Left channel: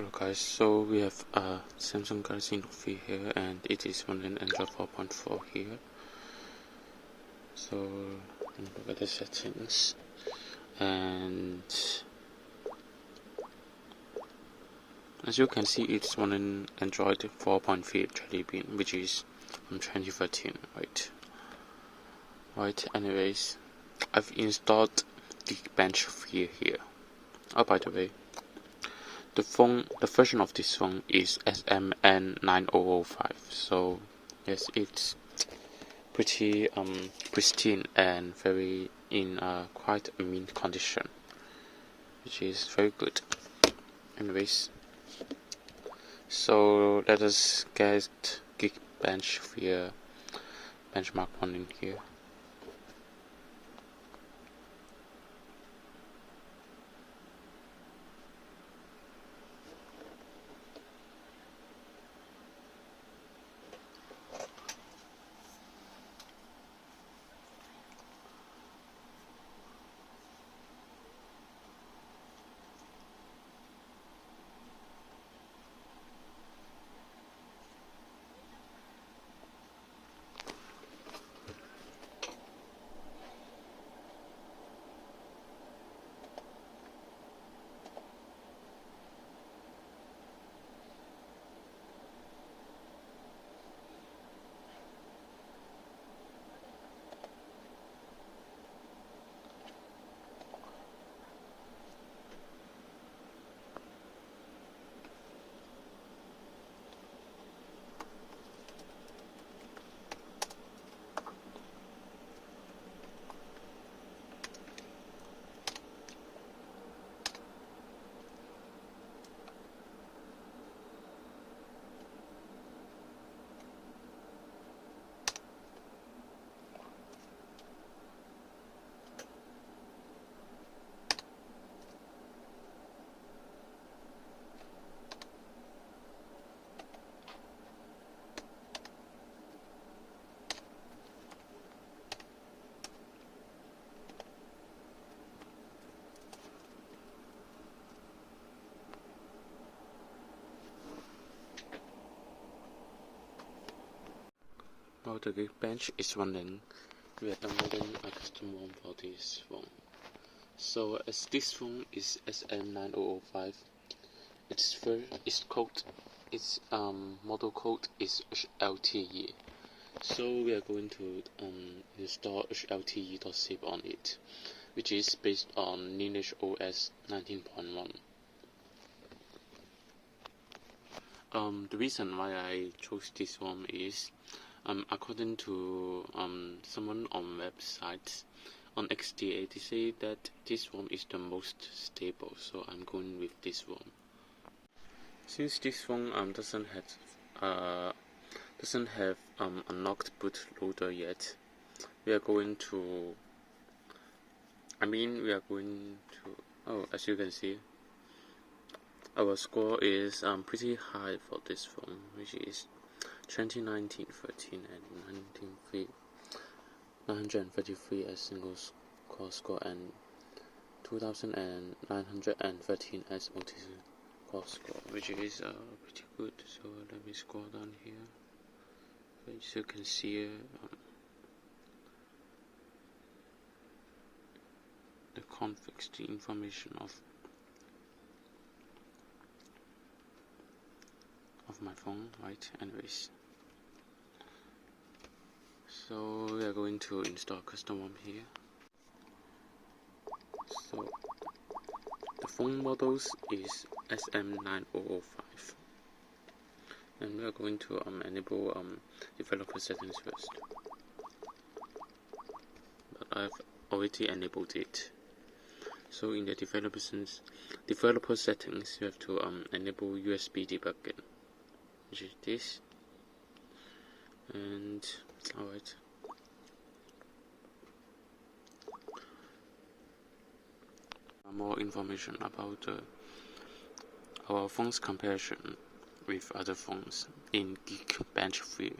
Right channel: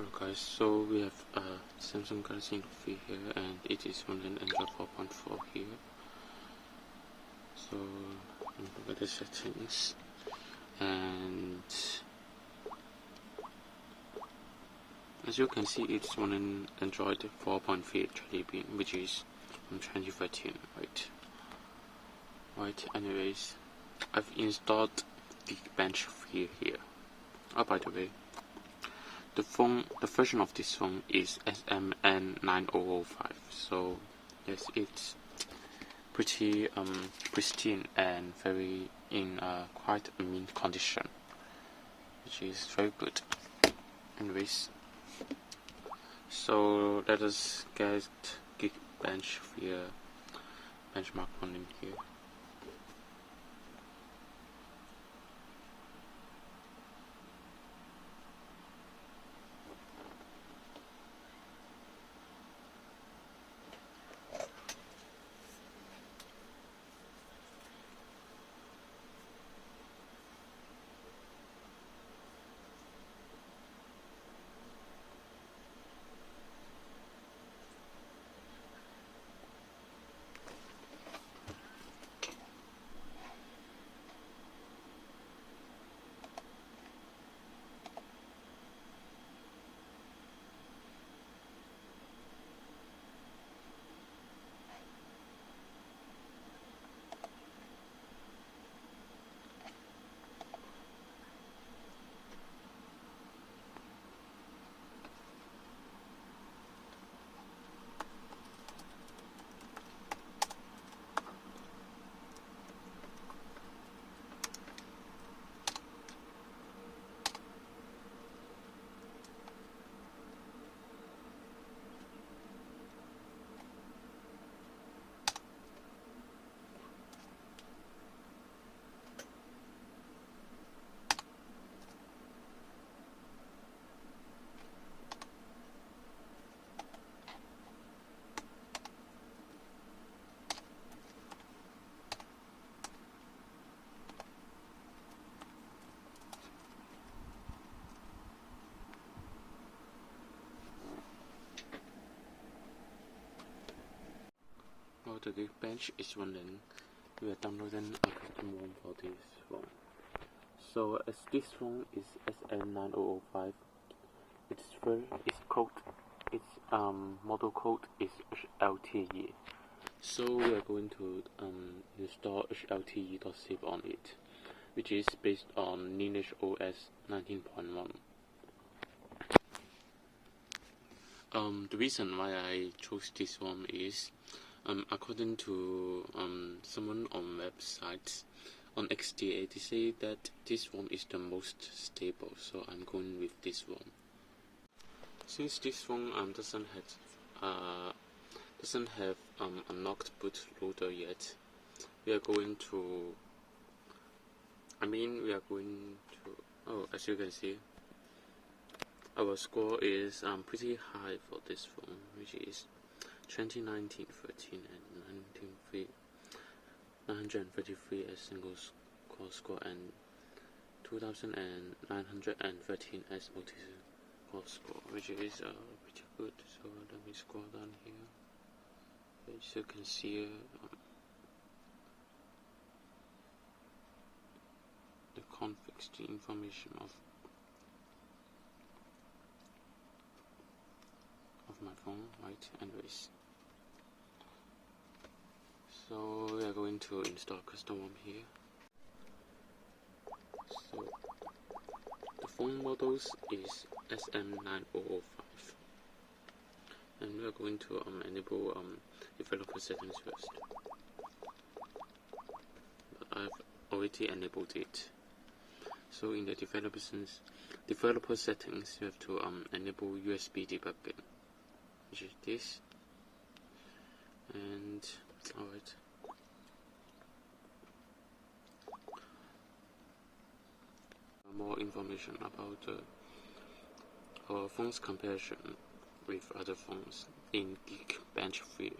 Hello guys, so we have Samsung Galaxy Note 3 here, and it is running Android 4.4 here. So let me look at the settings, and as you can see, it's running Android 4.3 Jelly Bean, which is from 2013, right. Anyways, I've installed Geekbench 3 here. Oh, by the way, the version of this phone is SMN9005, so yes, it's pretty pristine and very in quite a mint condition, which is very good. Anyways, so let us get Geekbench 3 benchmark running here. While the Geekbench is running, we are downloading a custom ROM for this phone. So as this phone is SN9005, its model code is hlte. So we are going to install hlte.zip on it, which is based on Lineage OS 19.1. The reason why I chose this one is, according to someone on website on XDA, they say that this one is the most stable, so I'm going with this one. Since this phone doesn't have a knocked bootloader yet, we are going to as you can see, our score is pretty high for this phone, which is 2019 13 and 933 as single core score, and 2913 as multi-core score, which is pretty good. So let me scroll down here. As you can see, the configs, the information of my phone, right? Anyways, so we are going to install custom ROM here. So the phone models is SM9005, and we are going to enable developer settings first. But I've already enabled it. So in the developer settings, you have to enable USB debugging, which is this. And alright, more information about our phone's comparison with other phones in Geekbench 3.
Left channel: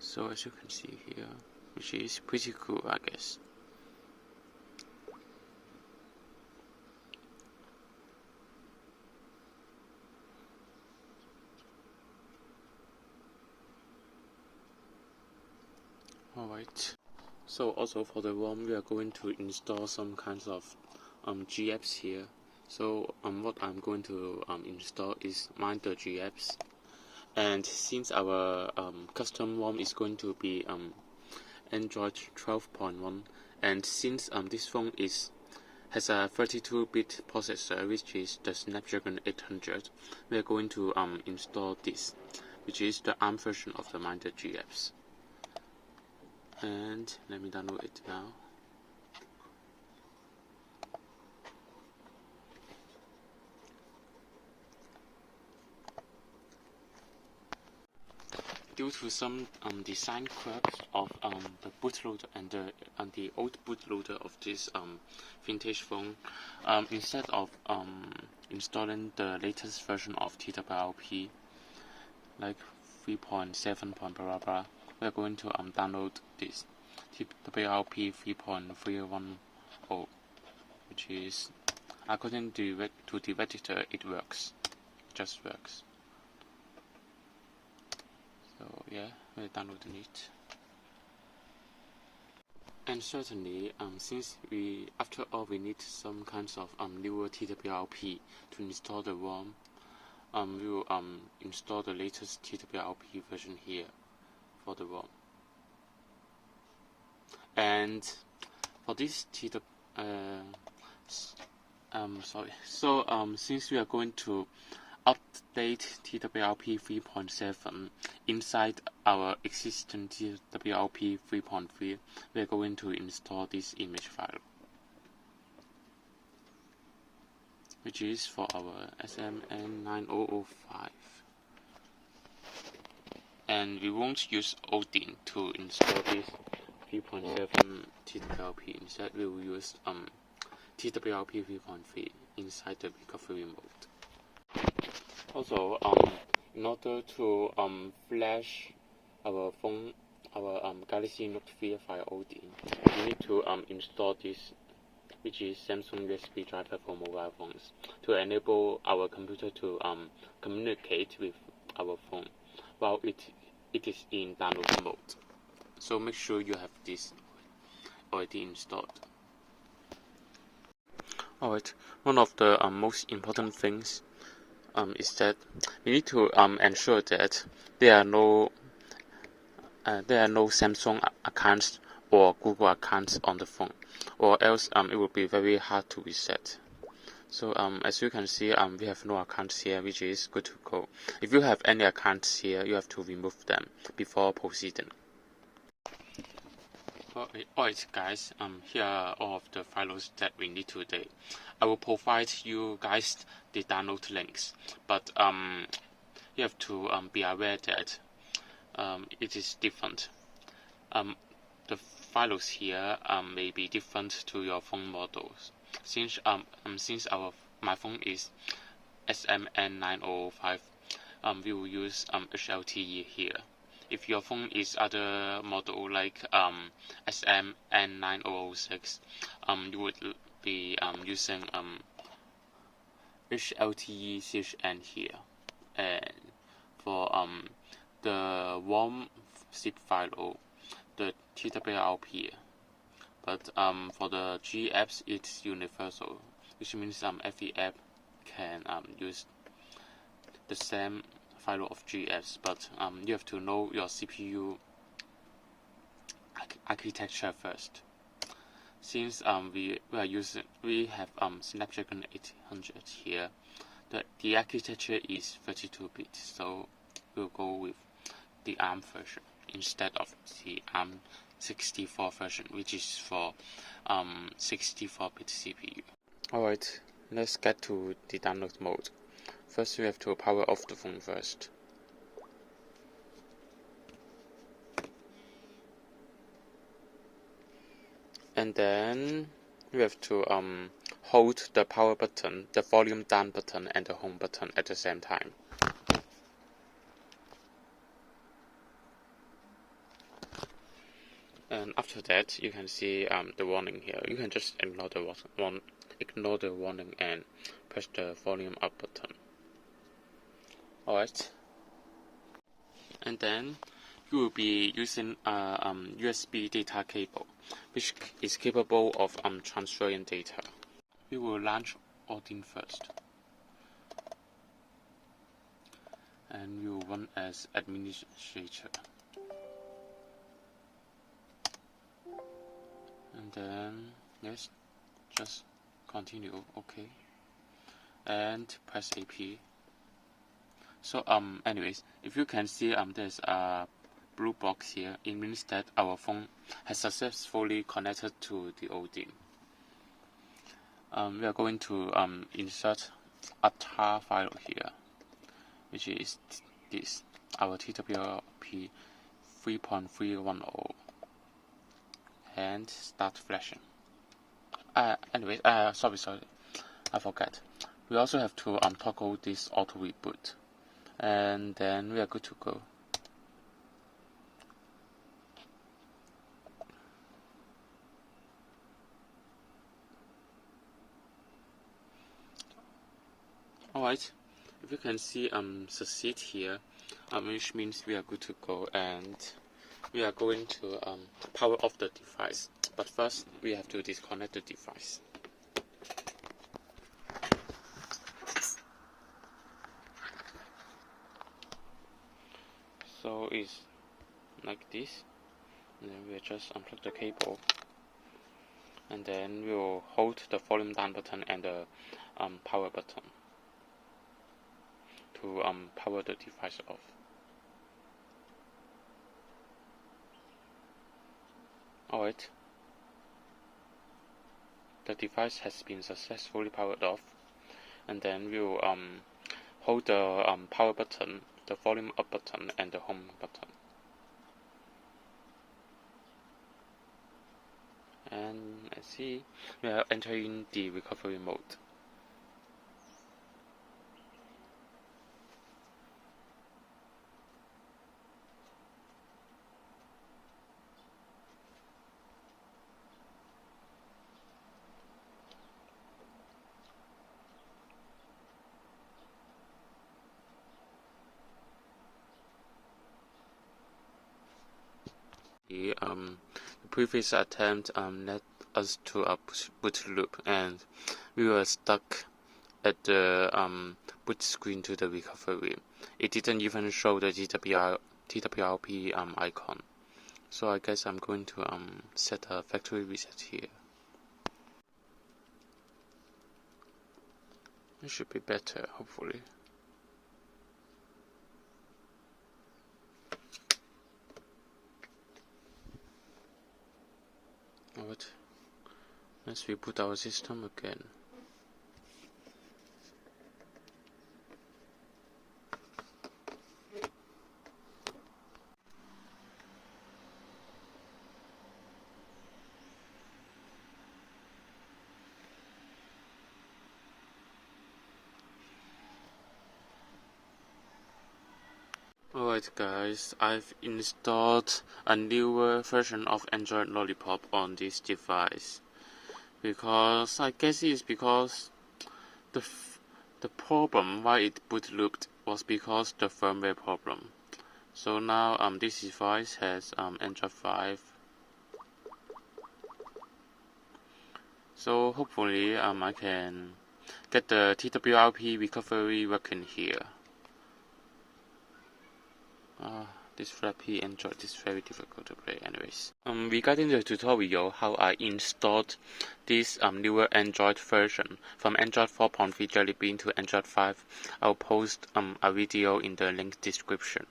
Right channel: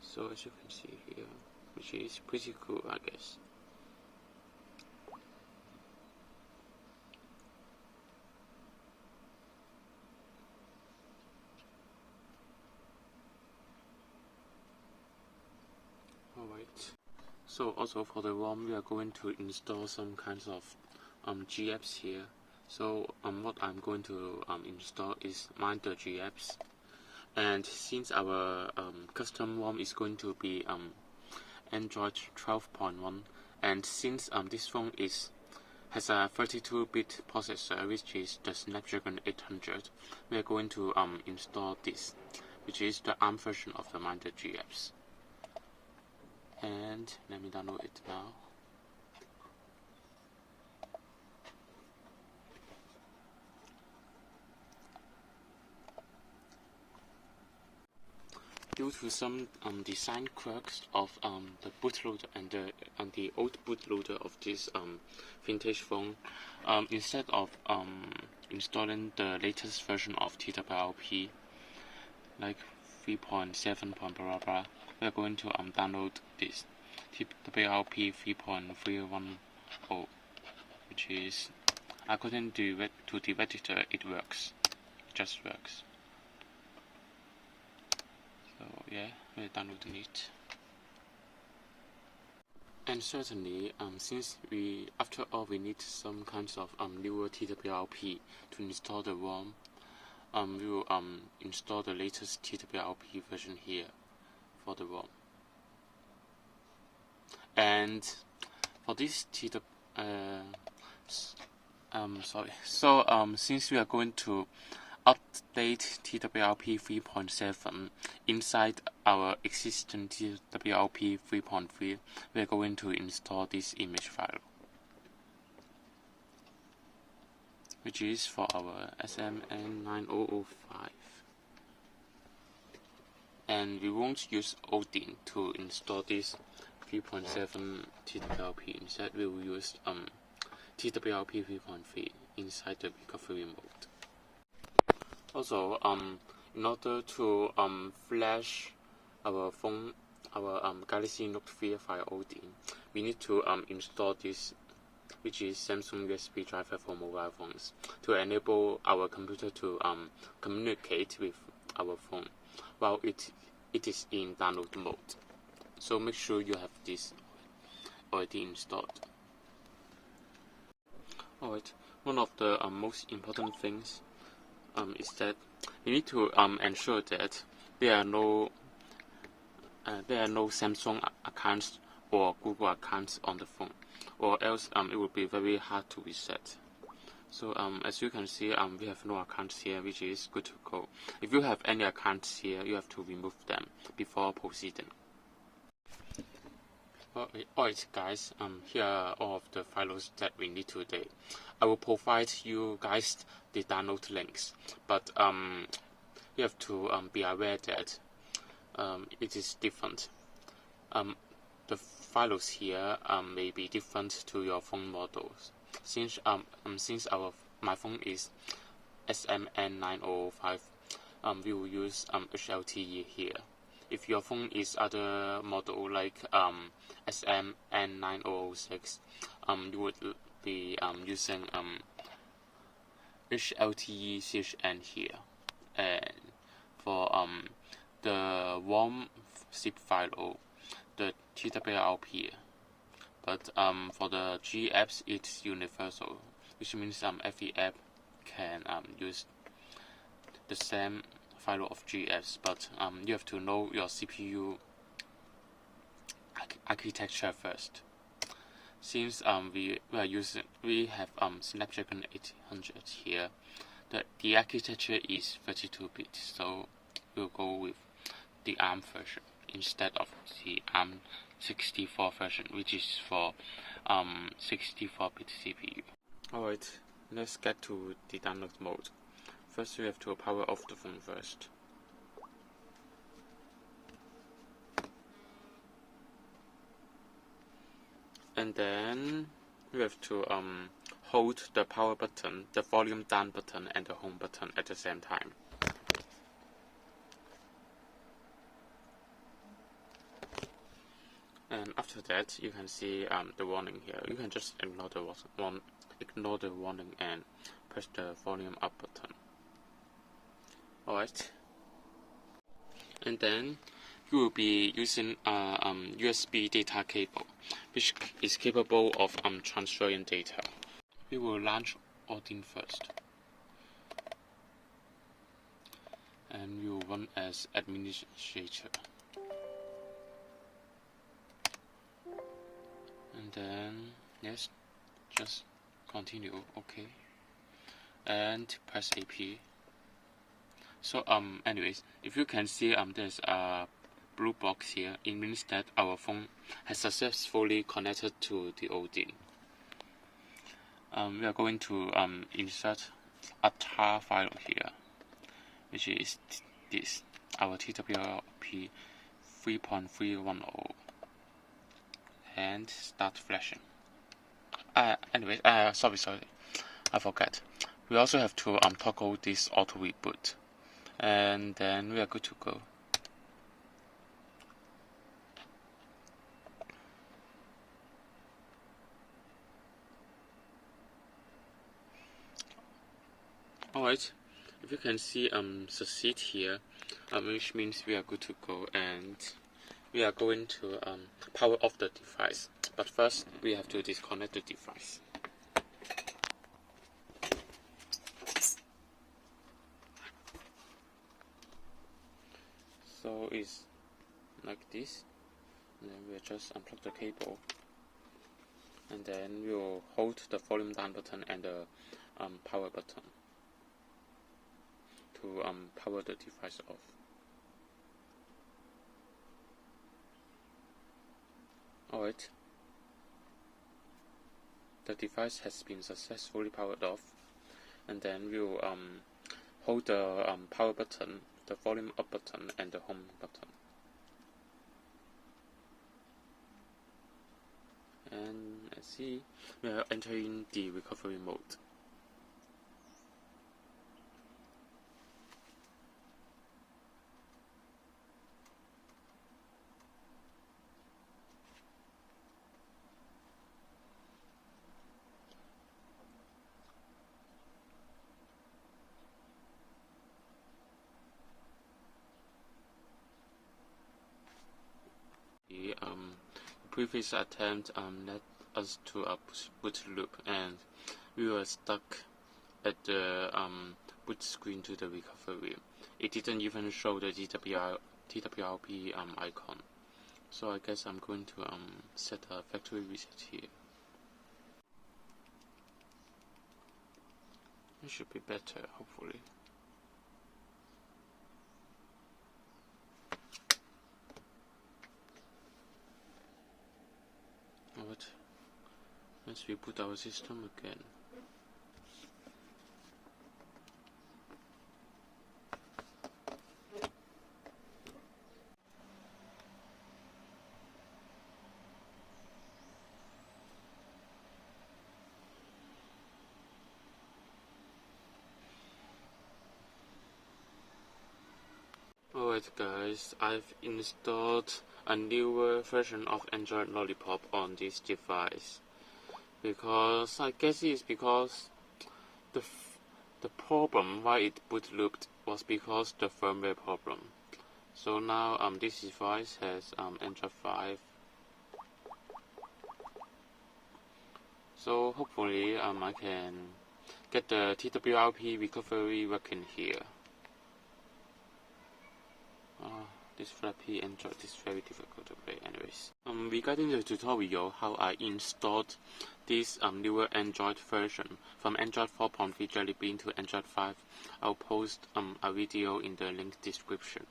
So as you can see here, which is pretty cool, I guess. Alright. So also for the ROM, we are going to install some kinds of GApps here. So what I'm going to install is Minder GApps. And since our custom ROM is going to be Android 12.1, and since this phone has a 32-bit processor, which is the Snapdragon 800, we are going to install this, which is the ARM version of the Minder GApps. And let me download it now. Due to some design quirks of the bootloader and the old bootloader of this vintage phone, instead of installing the latest version of TWRP, like 3.7. blah blah blah, we are going to download this TWRP 3.310, which is, according to the Redditor, it works. It just works. So yeah, we're downloading it. And certainly, since after all we need some kinds of newer TWRP to install the ROM, we will install the latest TWRP version here for the ROM. And for this since we are going to update TWRP 3.7 inside our existing TWRP 3.3, we are going to install this image file, which is for our SMN9005. And we won't use Odin to install this 3.7 TWRP. Instead, we will use TWRP 3.3 inside the recovery mode. Also, in order to flash our phone, our Galaxy Note 3 via Odin, we need to install this, which is Samsung USB driver for mobile phones, to enable our computer to communicate with our phone while it is in download mode. So make sure you have this already installed. Alright, one of the most important things is that we need to ensure that there are no Samsung accounts or Google accounts on the phone, or else it will be very hard to reset. So as you can see, we have no accounts here, which is good to go. If you have any accounts here, you have to remove them before proceeding. Alright guys, here are all of the files that we need today. I will provide you guys the download links, but you have to be aware that it is different. The files here may be different to your phone models. Since my phone is SMN9005, we will use hlte here. If your phone is other model like SMN9006, you would be using hlte-n here. And for the Rom Zip File, the TWRP. But for the GApps, it's universal, which means every app can use the same file of GApps, but you have to know your CPU architecture first. Since we have Snapdragon 800 here, the architecture is 32-bit, so we'll go with the ARM version instead of the ARM 64 version, which is for 64-bit CPU. Alright, let's get to the download mode. First, we have to power off the phone first. And then we have to hold the power button, the volume down button, and the home button at the same time. And after that, you can see the warning here. You can just ignore the warning and press the volume up button. Alright. And then you will be using USB data cable, which is capable of transferring data. We will launch Odin first, and we will run as administrator. And then yes, just continue, okay, and press AP. So anyways, if you can see there's a blue box here, it means that our phone has successfully connected to the Odin. We are going to insert a tar file here, which is this, our TWRP 3.310, and start flashing. Anyway, sorry, I forgot. We also have to toggle this auto reboot, and then we are good to go. Alright, if you can see succeed here, which means we are good to go, and we are going to power off the device. But first, we have to disconnect the device. So it's like this, and then we'll just unplug the cable, and then we'll hold the volume down button and the power button to power the device off. Alright, the device has been successfully powered off, and then we'll hold the power button, the volume up button, and the home button. And let's see, we are entering the recovery mode. The previous attempt led us to a boot loop, and we were stuck at the boot screen to the recovery. It didn't even show the TWRP icon. So I guess I'm going to set a factory reset here. It should be better, hopefully. Alright, let's reboot our system again. Alright guys, I've installed a newer version of Android Lollipop on this device, because I guess it's because the problem why it boot looped was because the firmware problem. So now this device has Android 5. So hopefully I can get the TWRP recovery working here. This Flappy Android is very difficult to play anyways. Regarding the tutorial how I installed this newer Android version from Android 4.3 Jelly Bean to Android 5, I'll post a video in the link description.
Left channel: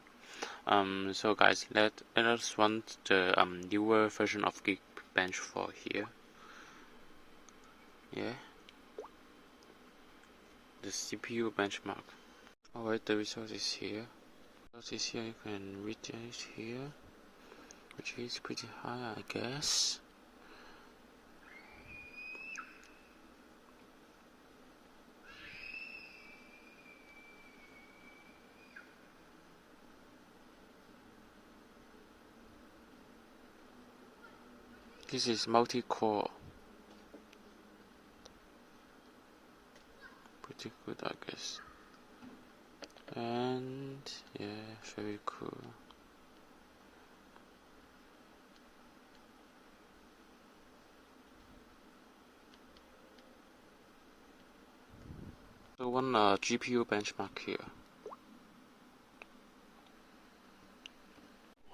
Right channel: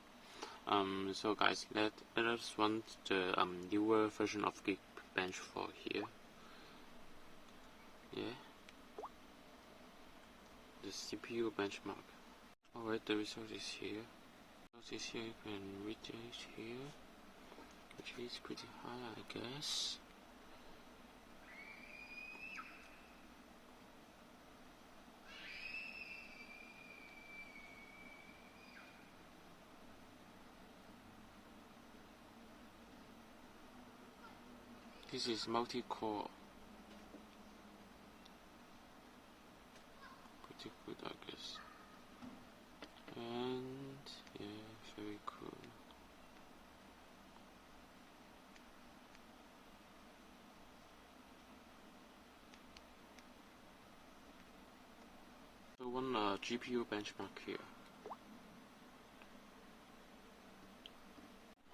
So guys, let us run the newer version of Geekbench for here. Yeah, the CPU benchmark. Alright, the result is here. This here you can read this here, which is pretty high, I guess. This is multi-core. Pretty good, I guess. And yeah, very cool. one GPU benchmark here.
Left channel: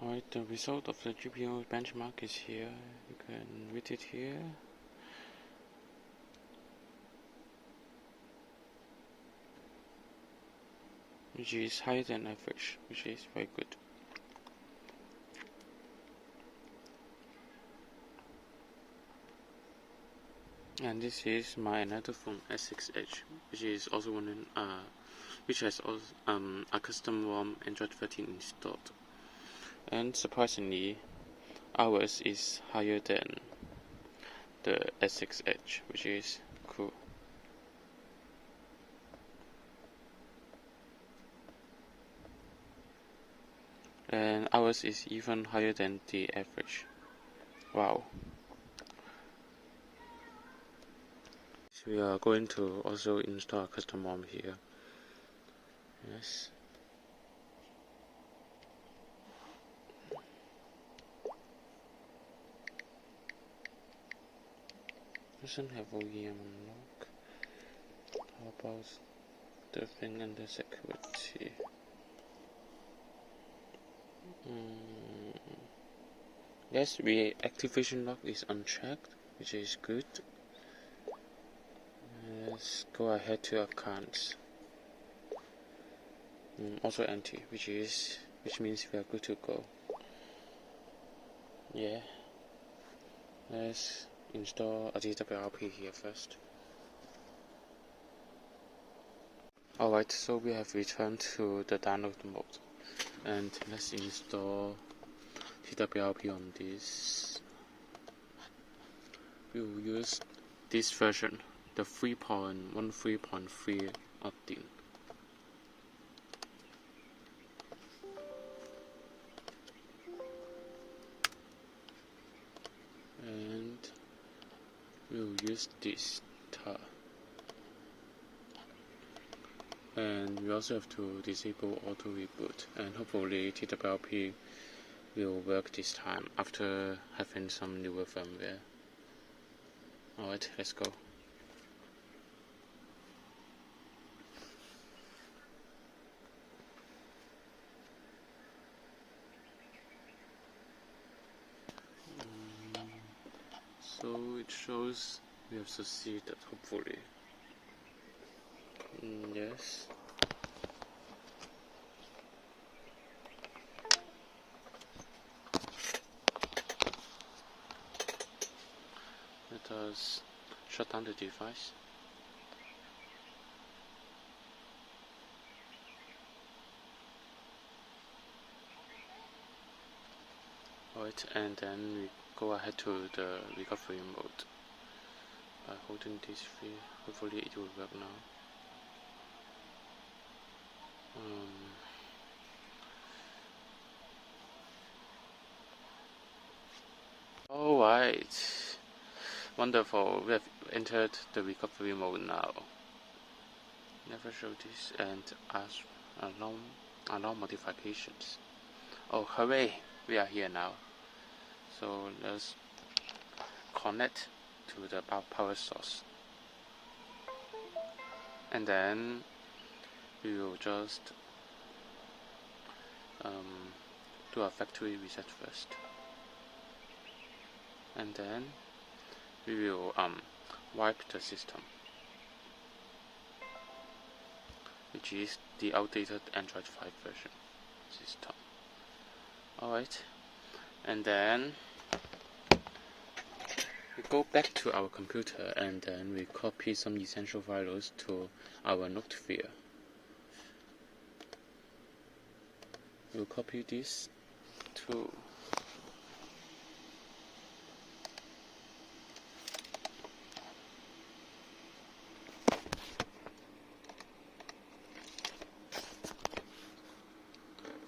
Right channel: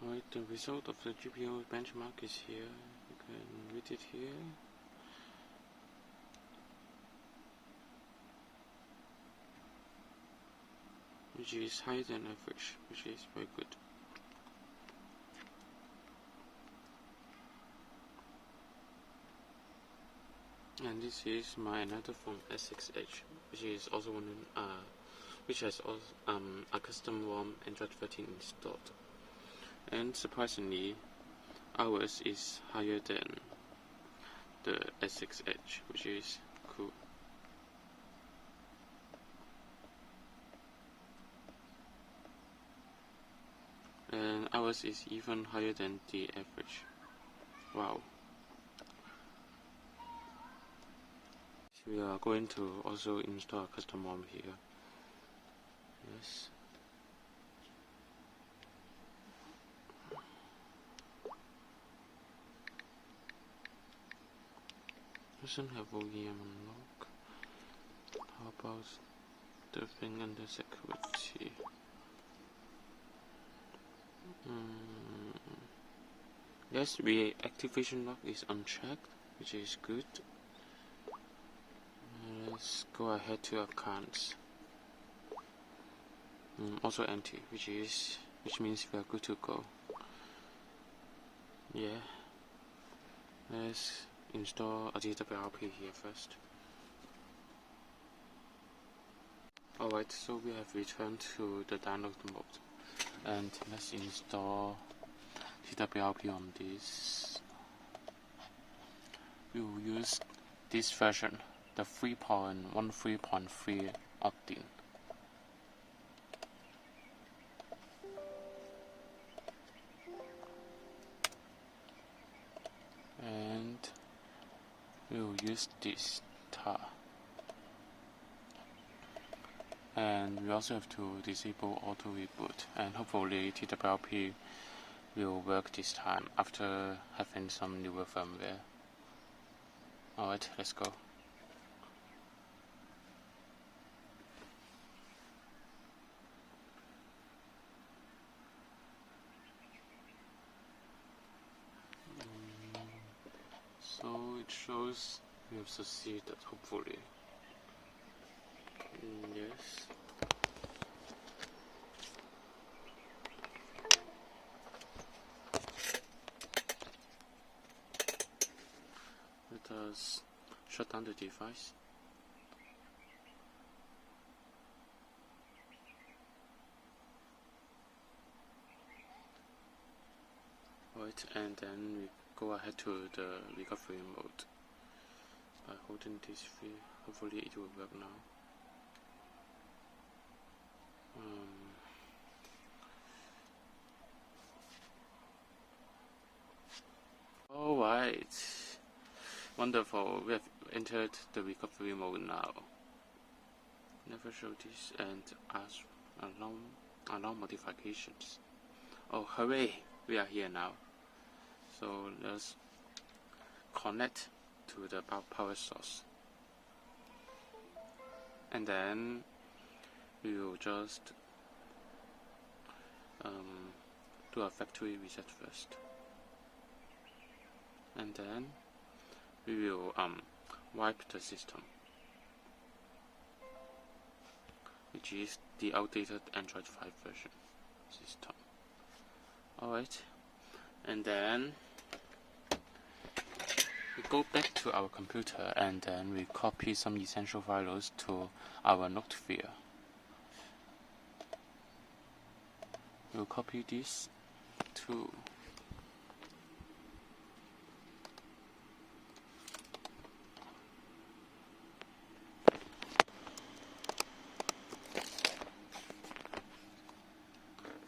Alright, the result of the GPU benchmark is here. You can read it here. Which is higher than average, which is very good. And this is my another phone S6H, which is also one which has also a custom ROM Android 13 installed. And surprisingly, ours is higher than the S6H, which is cool. And ours is even higher than the average. Wow. So we are going to also install a custom ROM here. Yes. Doesn't have OEM unlock. How about the thing under security? Yes, reactivation lock is unchecked, which is good. Let's go ahead to accounts. Also empty, which means we are good to go. Yeah. Let's install a TWRP here first. Alright, so we have returned to the download mode. And let's install TWRP on this. We will use this version, the 3.13.3 odin. And we will use this tar. And we also have to disable auto reboot, and hopefully TWRP will work this time after having some newer firmware. Alright, let's go. So it shows we have succeeded, hopefully. Yes. Let us shut down the device. Alright, and then we go ahead to the recovery mode by holding this free. Hopefully it will work now. Alright, wonderful, we have entered the recovery mode now. Never show this and allow modifications. Oh hooray, we are here now. So let's connect to the power source. And then we will just do a factory reset first. And then we will wipe the system, which is the outdated Android 5 version system. Alright, and then we go back to our computer and then we copy some essential files to our note sphere. We'll copy this to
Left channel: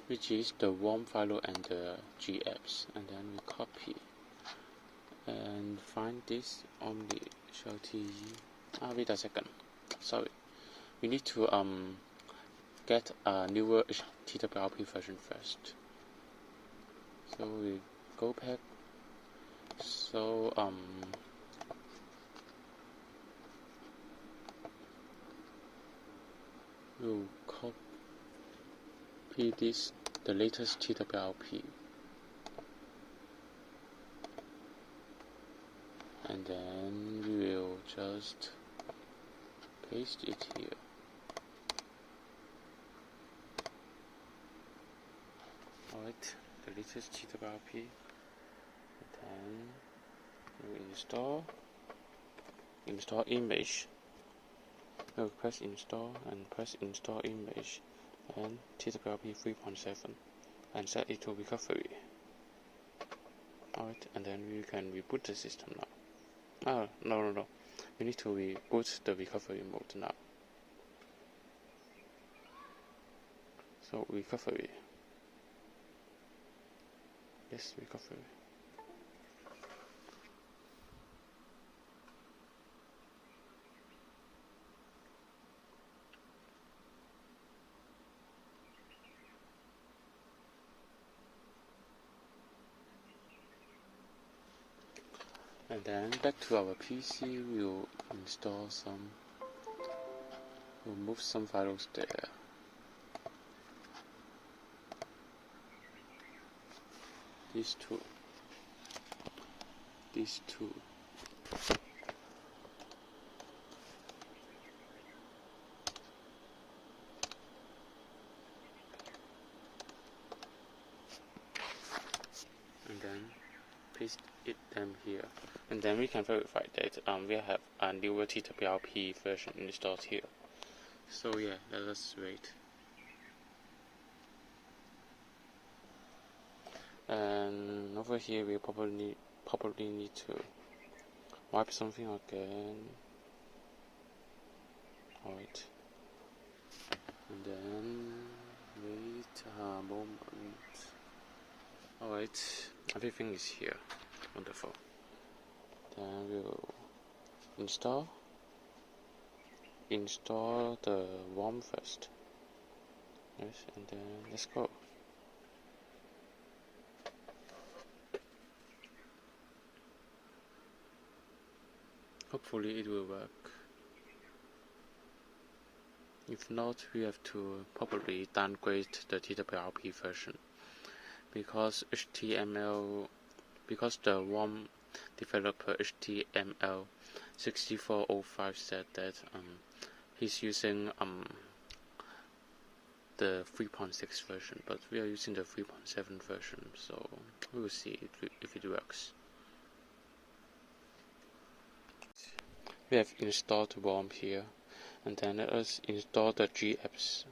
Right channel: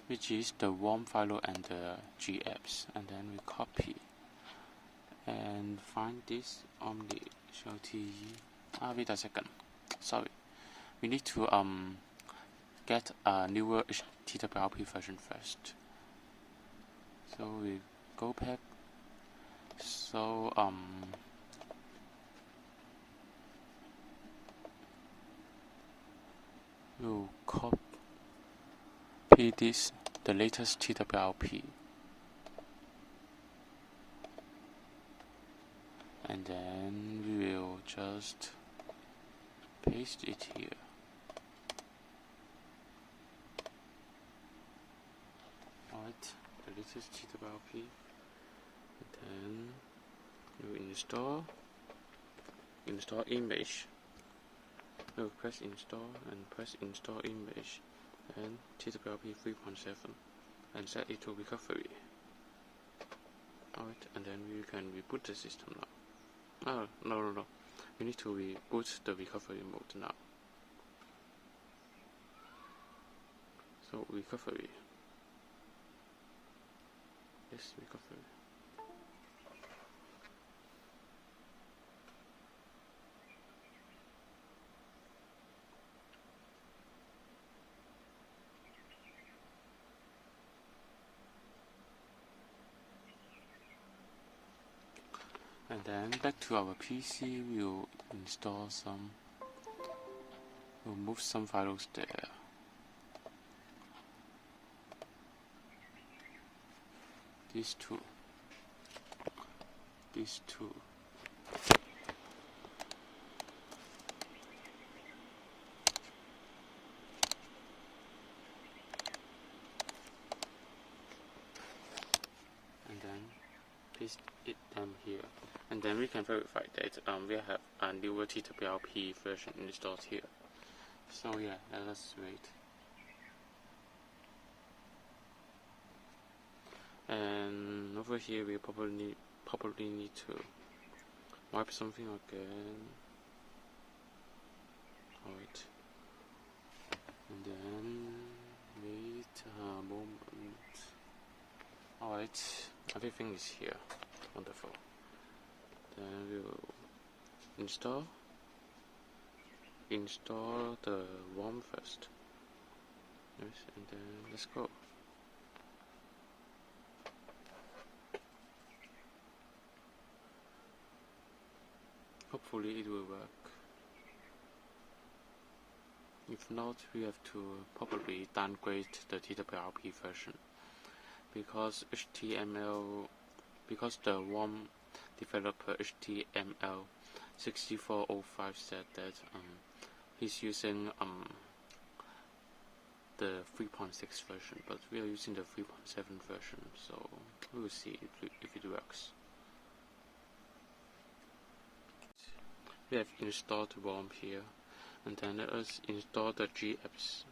which is the ROM file and the GApps, and then we copy and find this only hlte. Wait a second, sorry, we need to get a newer TWRP version first. So we go back. So we'll copy this, the latest TWRP, and then we'll just paste it here. Alright, the latest TWRP, and then we'll install image. We'll press install and press install image and TWRP 3.7 and set it to recovery. Alright, and then we can reboot the system now. Oh, no. We need to reboot the recovery mode now. So recovery. Yes, recovery. And then back to our PC, we'll move some files there. These two. And then paste them here. And then we can verify that we have a newer TWRP version installed here. So yeah, let us wait. And over here we probably need to wipe something again. Alright. And then wait a moment. Alright, everything is here. Wonderful. Then we'll install the ROM first. Yes, and then let's go. Hopefully it will work. If not, we have to probably downgrade the TWRP version because the ROM developer HTML 6405 said that he's using the 3.6 version, but we are using the 3.7 version, so we will see if it works. We have installed ROM here, and then let us install the GApps.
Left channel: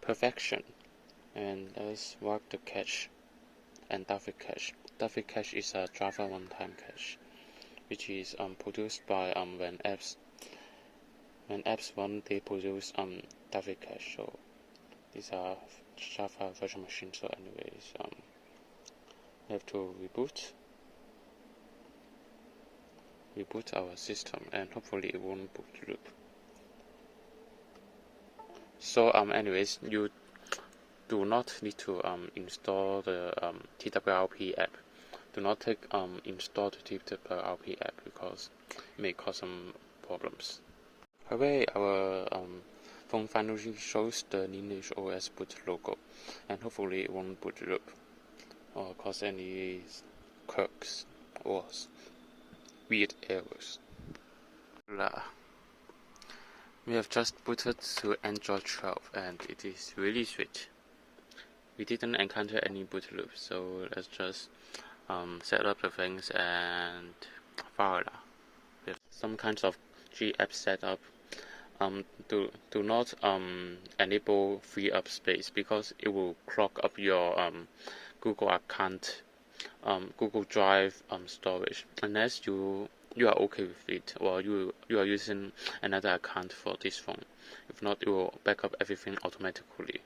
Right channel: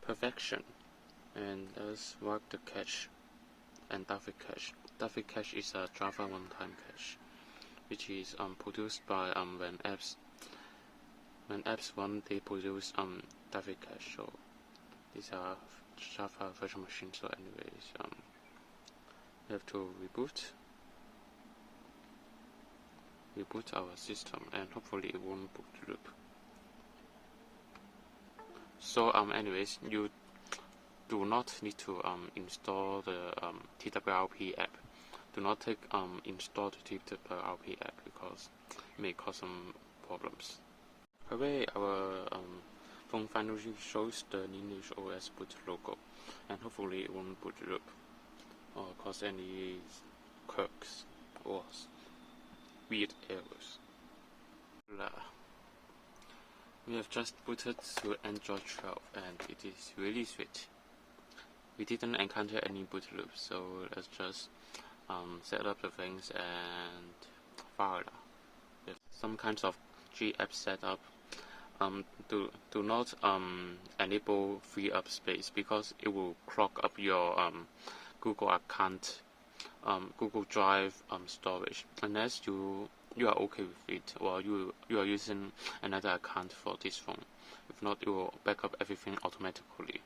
Perfection, and let's wipe the cache and David cache. David cache is a Java runtime cache, which is produced by when apps run, they produce David cache. So these are Java virtual machines. So anyways, we have to reboot our system, and hopefully it won't boot loop. So anyways, you do not need to install the TWRP app. Do not install the TWRP app because it may cause some problems. Hooray, our phone finally shows the Lineage OS boot logo, and hopefully it won't boot loop or cause any quirks or weird errors. We have just booted to Android 12 and it is really sweet. We didn't encounter any boot loop, so let's just set up the things and fire. With some kinds of GApp setup, do not enable free up space because it will clog up your Google account, Google Drive storage, unless you are okay with it, or you are using another account for this phone. If not, it will back up everything automatically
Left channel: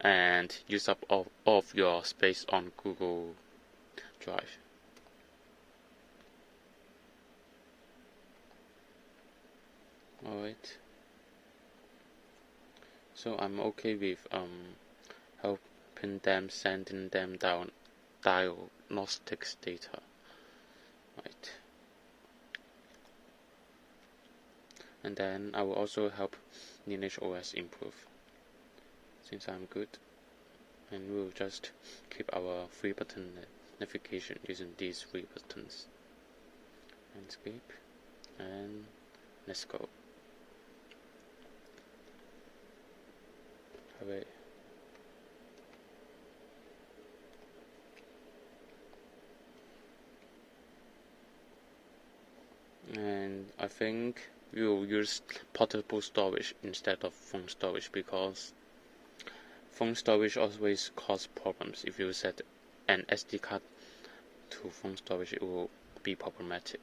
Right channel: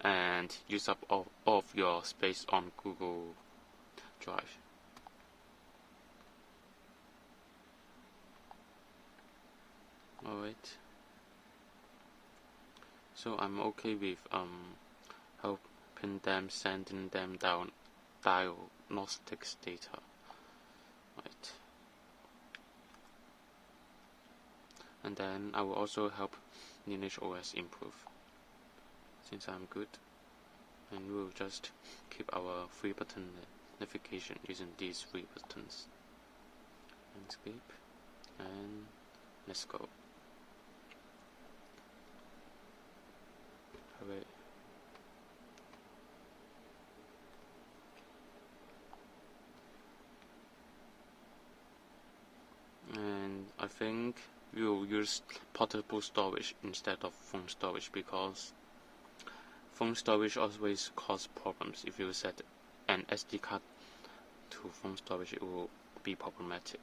and use up all of your space on Google Drive. Alright, so I'm okay with helping them, sending them down diagnostics data. Right. And then I will also help Lineage OS improve, since I'm good. And we will just keep our 3-button navigation using these 3 buttons. And escape, and let's go. Alright. And I think we will use portable storage instead of phone storage, because phone storage always cause problems. If you set an SD card to phone storage, it will be problematic.